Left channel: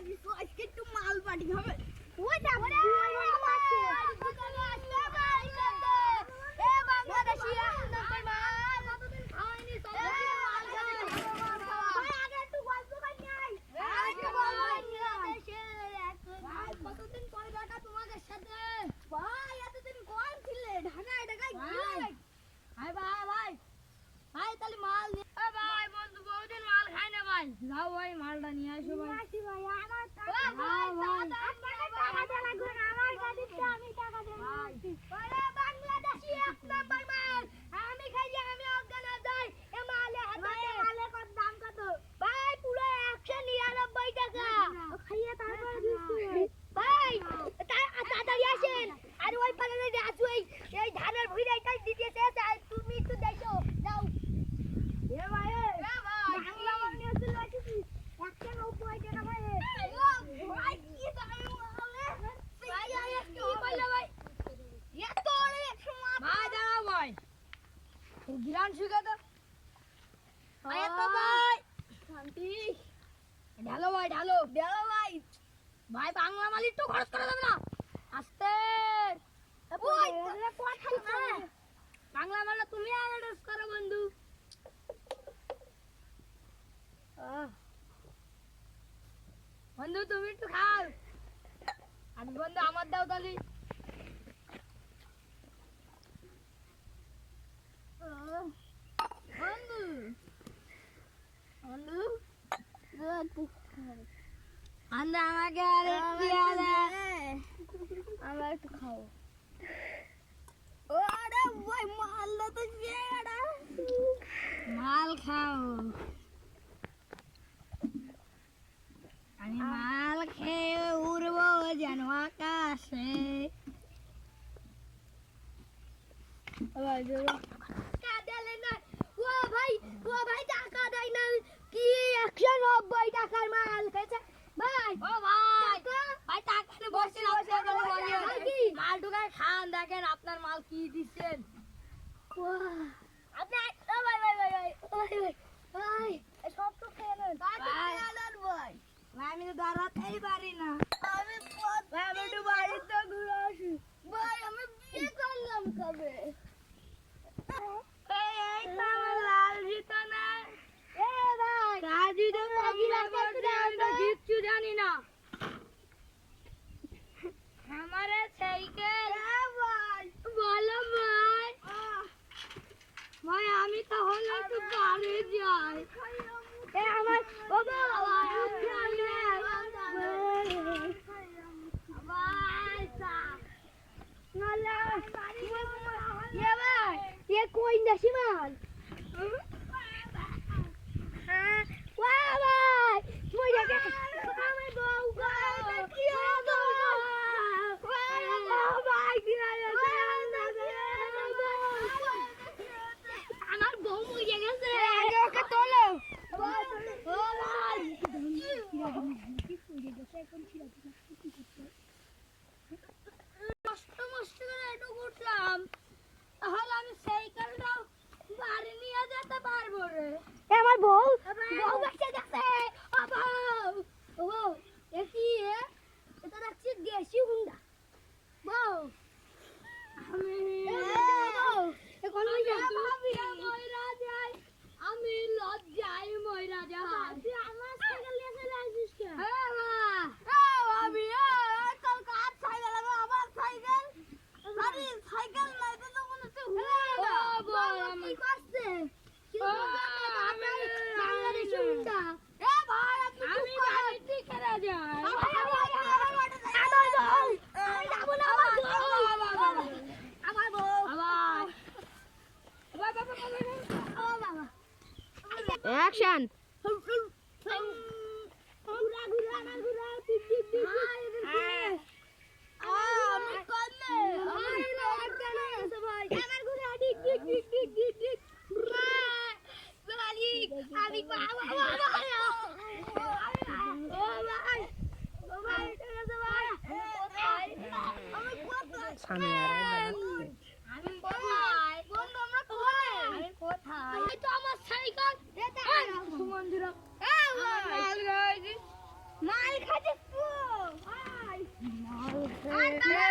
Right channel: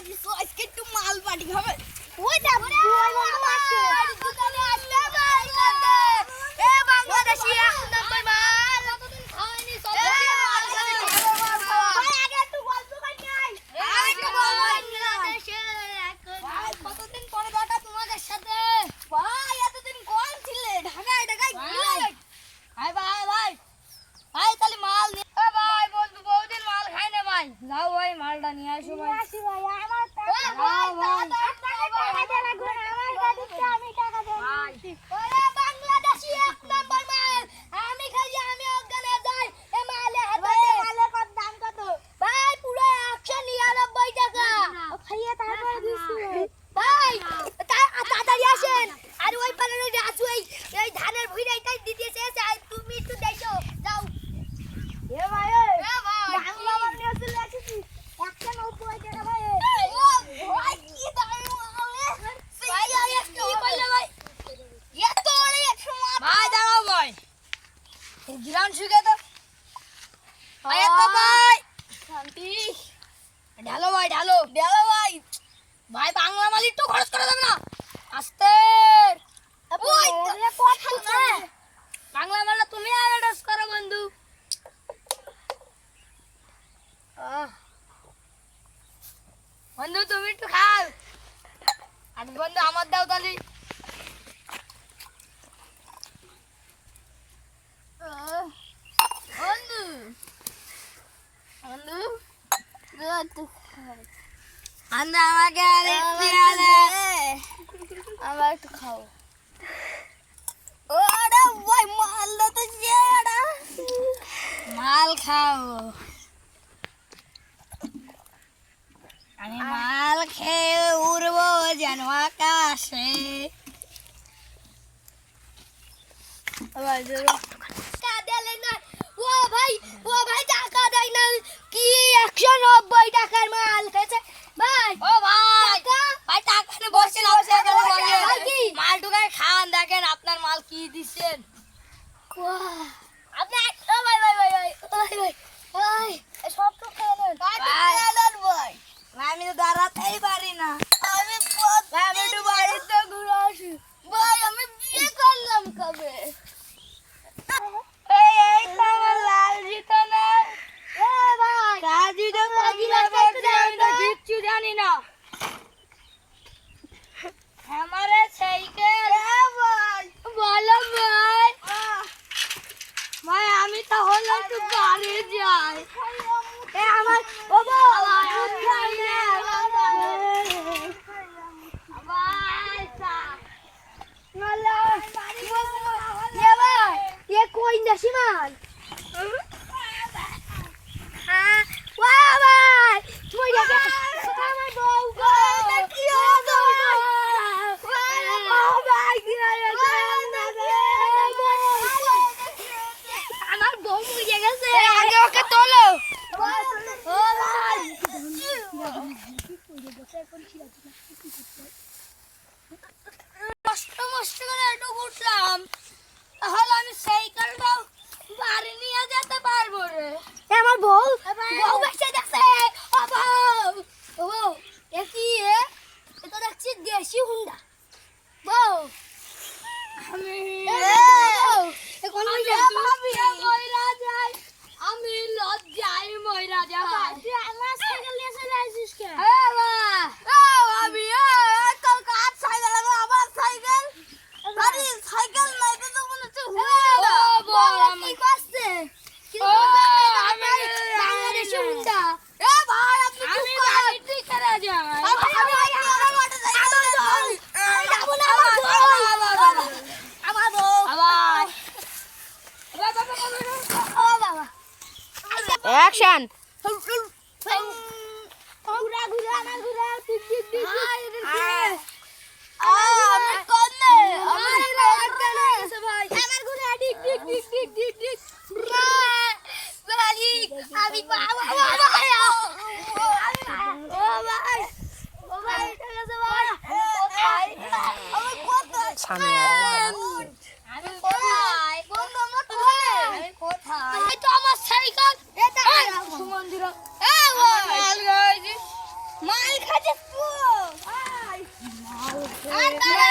আজকে একটু মাল পাটি হবে। ওই যাব রে দোকানে আসবে ভাই কান্দে এ বাংলাদেশি এক নম্বর মাল কতদিন খাওয়াইনি সব ভাই আগে একটু গল্প করি নাই আমি তো বাংলাদেশে কতদিন পরে দেখা তোমাদের সাথে ভাই এতদিন কোন ছিলে ঢাকায় ঢাকায় ভাই ভাই ভাই ভাই তাহলে মাল নিয়ে ভাই বন্ধু বহুদিন মাল খাই না ভাই যাও ভাই মালটা নিয়ে আসো ভাই আমার টাকা ওরে বাংলাদেশি এক নম্বর মাল আমি খাই আমি ওখানে যাই এ মালে হাতে মালে কত দাম কত ভাই পুরো 199 টাকা খাইয়ে তারপর দিছি ভাই তাড়াতাড়ি আসেন আর ওই পারে রাজু এই ধানের ভুঁইটাই দিতেছে তুমি একটু দেখো যাও এ ভাই বাংলা মাল নিয়ে চলে আসিস 190 টাকা ভাই ও ভাই কি দাম ভাই কি কইলে ভাই এত অনেক 100 ভাই দাঁড়াও ভাই গিরান শুকে তো ভাই তো ভাই শান্তি ঢালো ভাই ঢালো ভাই ভাই বাংলা মাল একটু খরচ করা যাবে না আস্তে ওই কথা না বাংলা মালটা তুমি আর অ্যাডজাস্ট করো বন্ধু বন্ধু তুমি একটু খাও আর বন্ধু আমার দাও তালি বন্ধু বন্ধু আমাকে আরেকটু আমার একটু খাও ওরে ভাই মালটা তো জেড়া মাল খাও আমি মাল খেয়ে উড়বো যেন আকাশে ও ভাই টাকা দেয় না কি 190 টাকার মাল খেয়েছে ভাই ও ভাই ভাই টাকা নিয়ে বসে না মাল ঢুকায় খান দেখেন আপনার মাল কি দিচ্ছেন আপনি ভাই ভাই ভাই ভাই ভাই ভাই সব তো খেয়ে নেন ভাই আমি তো দাঁড়াতেই পারি না আমি একটু বাড়িতে ঘুরে আসি ভাই আমি বিয়ে করলাম কবে এই তো আমার লাল জিতো না ভাই রাজি তো আমি তো কিচ্ছু জানি না हमारे साइकिल भाई बोलो भाई भाई আমি তো হলো একটু বাড়ি যাই এ আমার বাবা ভাই সা মালা ये भाई ये कोई नशीमान हां वाह भाई तुम ये আমার বউ গো কি হলো আমার বউ মরে গেছে আগে ওকে তোলো কষ্ট মষ্ট করে একটু উঠলাম তাহলে আমি সাইকেলটা বাড়ি নিয়ে যেতে পারবো রে আমার বউ বেঁচে গেছে ও বউ এ কি এটা দেখছি দেশি হুন্ডা বউ আমি আমি লজ্জায় ময়রা যাই তুই আমার সাইকেল নিয়ে চলে আসিস কেন আমি কাল কাজ সাইকেল আমার সাইকেল আরে সাইকেল নাই তো মনে হচ্ছে হুন্ডা কি করছে আমি বাংলাদেশি হুন্ডা এ ভাই আপনি আমি বাড়িতে করে যাই Action! ঘুরা ঘুরা না ঘুরা টিক টিক টিক আমি কোনে আমার ভাই আমার ঘুরা tick tick tick tick tick tick বালি আমি বাবা ভাই ও ভাই ঠিক আছে ভাই আমি কোথায় সামনে আমি কোথায় বন্ধু আমরা কোথায় আমি কোথায় এই তো আমার সাইকেল এটা মন্দির মাল খাচ্ছে আর দাঁড়া